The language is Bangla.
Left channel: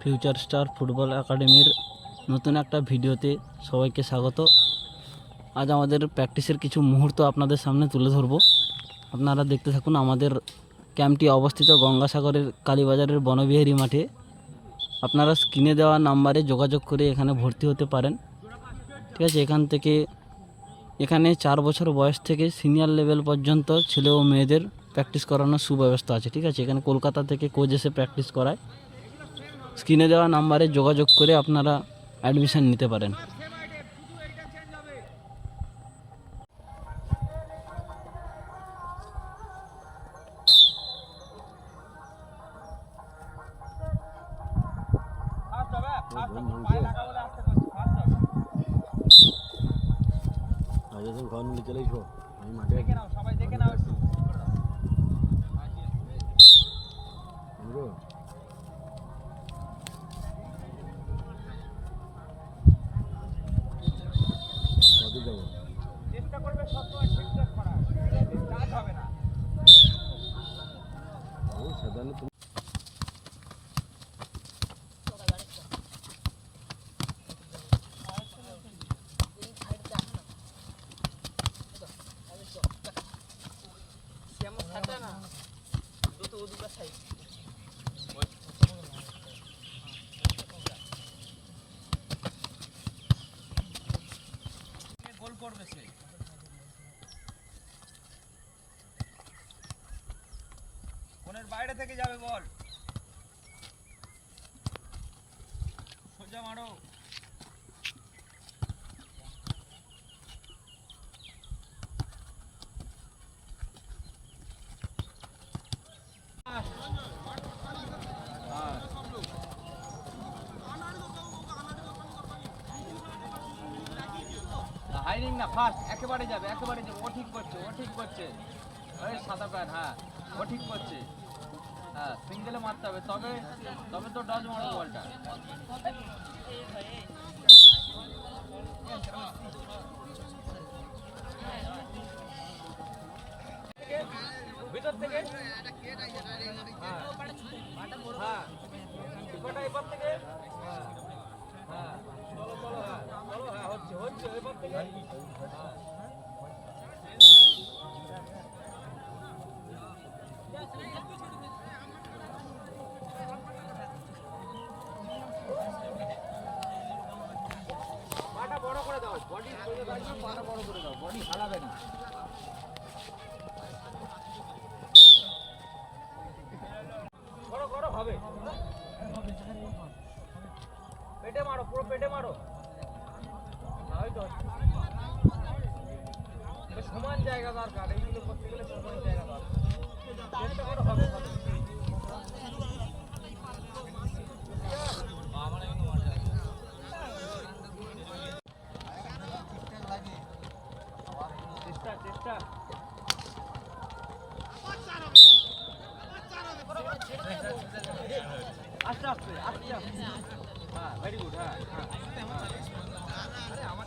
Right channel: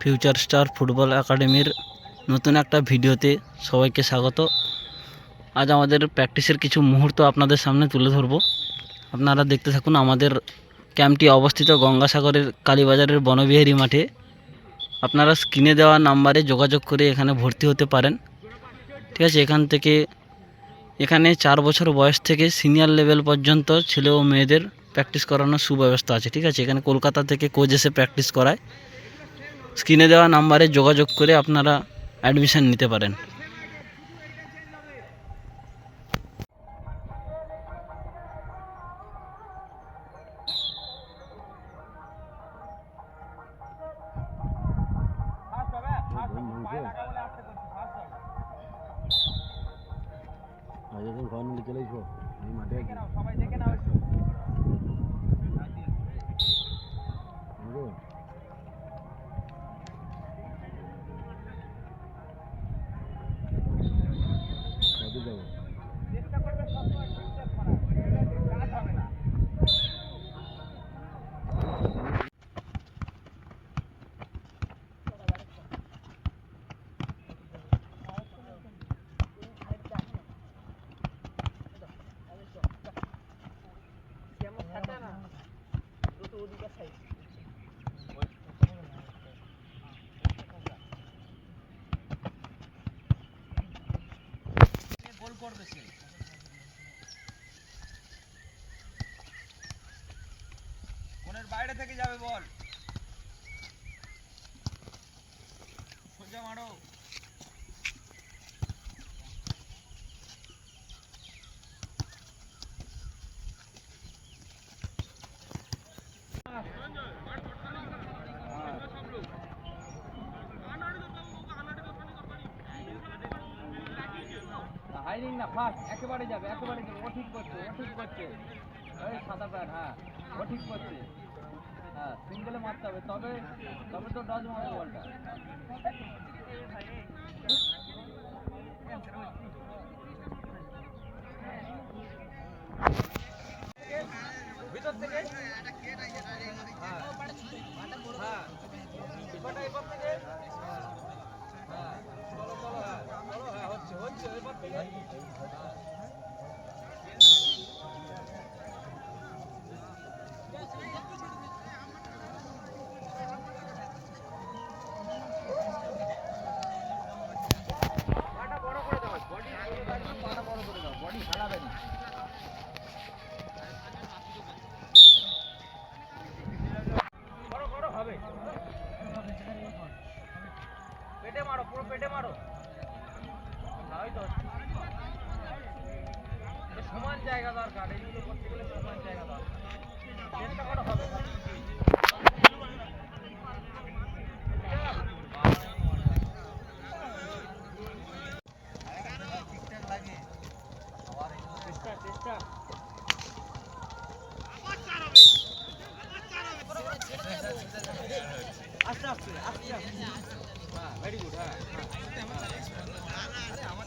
ফিউচার স্টার ফুটবল একাডেমির নতুন একটা ভিডিওতে সবাইকে স্বাগত। আজ আমাদের প্র্যাকটিসের কিছু মুহূর্ত আপনাদের সামনে তুলে ধরব। আপনারা দেখতে থাকুন। আমাদের ক্যাম্পটি অবস্থিত গঙ্গাসাগরের কালীবাজারের বনবিহারী মাঠে। আপনারা স্ক্রিনে দেওয়া নাম্বারে যোগাযোগ করে এখানে ভর্তি হতে পারেন। ঠিক আছে, এখানে 4 বছর বয়স থেকে সিনিয়র লেভেল পর্যন্ত ছেলে ও মেয়েদের প্র্যাকটিস করানোর সুব্যবস্থা আছে। ঠিক আছে, এখানে কলকাতা থেকে কোচ এসে প্র্যাকটিস করায়। স্ক্রিনে দেওয়া নাম্বারে যোগাযোগ করে আপনারা অ্যাডমিশন নিতে পারেন। সবাই দেখে নাও একটু। চেষ্টা করবে সবসময় ঠিকঠাক করার, কাজ হবে না। গোল করবে সে। কোণের বাইরে থেকে যাবে বল। সোজা মারো। হাইরিং না, ফাস্ট একেবারে যাবে। ও ঠিক করছে এই সাদা প্যান্ট, হ্যাঁ ও ঠিক করছে। হ্যাঁ, সিঙ্গেলে মারতে হবে, তবে তো ডজ মারো বলটা। ভিতর থেকে হচ্ছে এবার থেকে। পাটা বড় করে দাও, বডি পাটা বড় করে দাও, বডি হারাবে না। বড় হবে। পেটে মারো, পুরো পেটে মারো। সমান জায়গা দরকার, এইগুলো করতে গেলে সমান জায়গা দরকার। চেষ্টা করো, হবে। চেষ্টা আস্তে আস্তে। হ্যাঁ, ভেরি গুড। হ্যাঁ, আরে আমার